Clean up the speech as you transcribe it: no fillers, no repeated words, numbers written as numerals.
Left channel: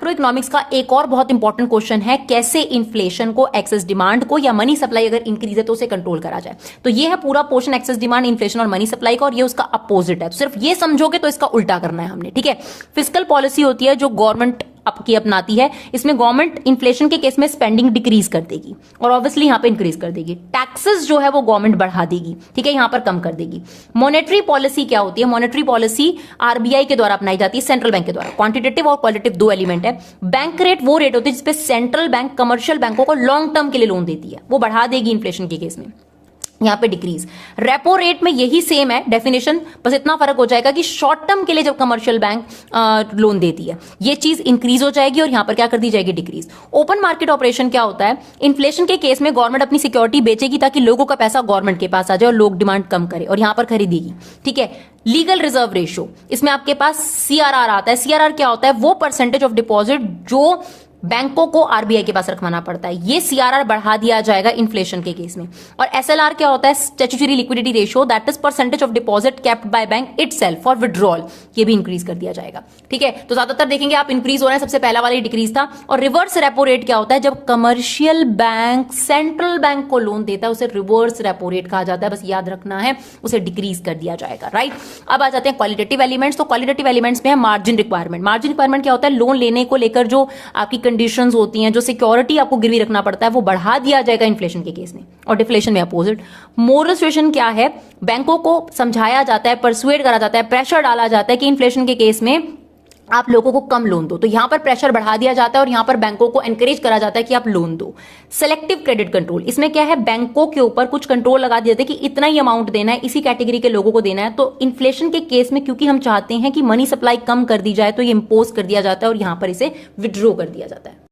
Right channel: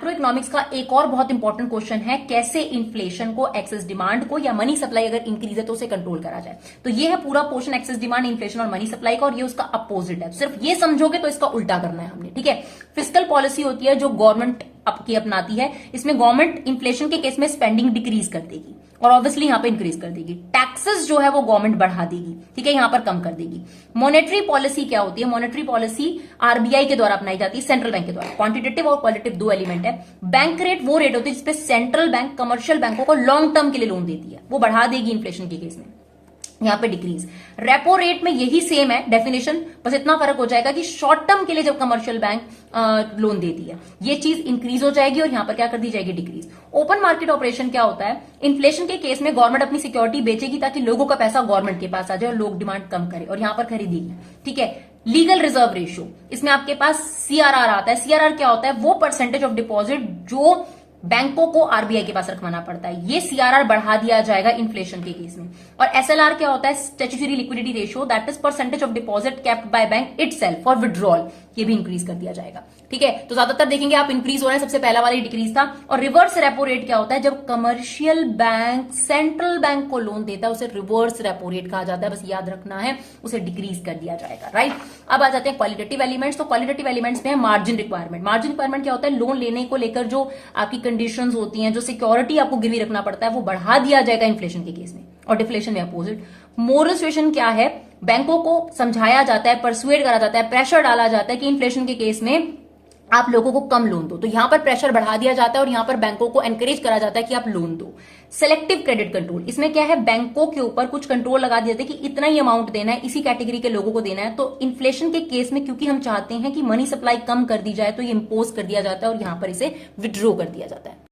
Macro economics का एक और बहुत इंपॉर्टेंट क्वेश्चन है, कैसे इन्फ्लेशन को, एक्सेस डिमांड को या मनी सप्लाई अगर इंक्रीज है तो उसे कंट्रोल करा जाए। तो ये है पूरा पोर्शन एक्सेस डिमांड, इन्फ्लेशन और मनी सप्लाई का, और ये उसका अपोजिट है। तो सिर्फ ये समझोगे तो इसका उल्टा करना है हमने, ठीक है। फिस्कल पॉलिसी होती है जो गवर्नमेंट की अपनाती है, इसमें गवर्नमेंट इन्फ्लेशन के केस में स्पेंडिंग डिक्रीज कर देगी और ऑब्वियसली यहां पे इंक्रीज कर देगी। टैक्सेस जो है वो गवर्नमेंट बढ़ा देगी, ठीक है, यहां पर कम कर देगी। मॉनेटरी पॉलिसी क्या होती है? मॉनेटरी पॉलिसी आरबीआई के द्वारा अपनाई जाती है, सेंट्रल बैंक के द्वारा। क्वांटिटेटिव और क्वालिटेटिव दो एलिमेंट है। बैंक रेट वो रेट होती है जिसपे सेंट्रल बैंक कमर्शियल बैंकों को लॉन्ग टर्म के लिए लोन देती है, वो बढ़ा देगी इन्फ्लेशन के केस में, यहां पे डिक्रीज। रेपो रेट में यही सेम है डेफिनेशन, बस इतना फर्क हो जाएगा कि शॉर्ट टर्म के लिए जब कमर्शियल बैंक लोन देती है ये चीज इंक्रीज हो जाएगी और यहां पर क्या कर दी जाएगी? डिक्रीज। ओपन मार्केट ऑपरेशन क्या होता है? इन्फ्लेशन के केस में गवर्नमेंट अपनी सिक्योरिटी बेचेगी ताकि लोगों का पैसा गवर्नमेंट के पास आ जाए और लोग डिमांड कम करे और यहां पर खरीदेगी, ठीक है। लीगल रिजर्व रेशियो, इसमें आपके पास सीआरआर आता है। सीआरआर क्या होता है? वो परसेंटेज ऑफ डिपॉजिट जो बैंकों को आरबीआई के पास रखवाना पड़ता है, ये सीआरआर बढ़ा दिया जाएगा इन्फ्लेशन के केस में। और एसएलआर क्या होता है? Statutory liquidity ratio, that is percentage of deposit kept by bank itself for withdrawal, ये भी इंक्रीज कर दिया जाएगा, ठीक है। तो ज्यादातर देखेंगे आप इंक्रीज हो रहा है, सबसे पहला वाला डिक्रीज था। और रिवर्स रेपो रेट क्या होता है? जब कमर्शियल बैंक सेंट्रल बैंक को लोन देता है उसे रिवर्स रेपो रेट कहा जाता है, बस याद रखना है, उसे डिक्रीज कर दिया जाएगा, राइट। अब आ जाते हैं क्वालिटेटिव एलिमेंट्स। तो क्वालिटेटिव एलिमेंट्स में है मार्जिन रिक्वायरमेंट। मार्जिन रिक्वायरमेंट क्या होता है? लोन लेने को लेकर जो आपकी कंडीशंस होती हैं, जो सिक्योरिटी आपको गिरवी रखना पड़ता है, वो बढ़ा दिया जाएगा इन्फ्लेशन के केस में। और डिफ्लेशन में अपोजिट। मोरल सुएशन क्या है? बैंकों को समझाया जाता है, परसुएड करा जाता है, प्रेशर डाला जाता है कि इन्फ्लेशन के केस में आप लोगों को कम लोन दो, तो यहां पर प्रेशर बढ़ा दिया जाता है और यहां पर बैंकों को एनकरेज करा जाता है कि आप लोन दो। सेलेक्टिव क्रेडिट कंट्रोल, इसमें क्या है? बैंकों के ऊपर कुछ कंट्रोल लगा दिया जाता है कि इतना ही अमाउंट देना है, इसी कैटेगरी के लोगों को देना है। तो इन्फ्लेशन के केस में क्योंकि हम चाहते हैं कि मनी सप्लाई कम कर दी जाए तो ये इंपोज कर दिया जाता है और यहां पर इसे विड्रॉ कर दिया जाता है।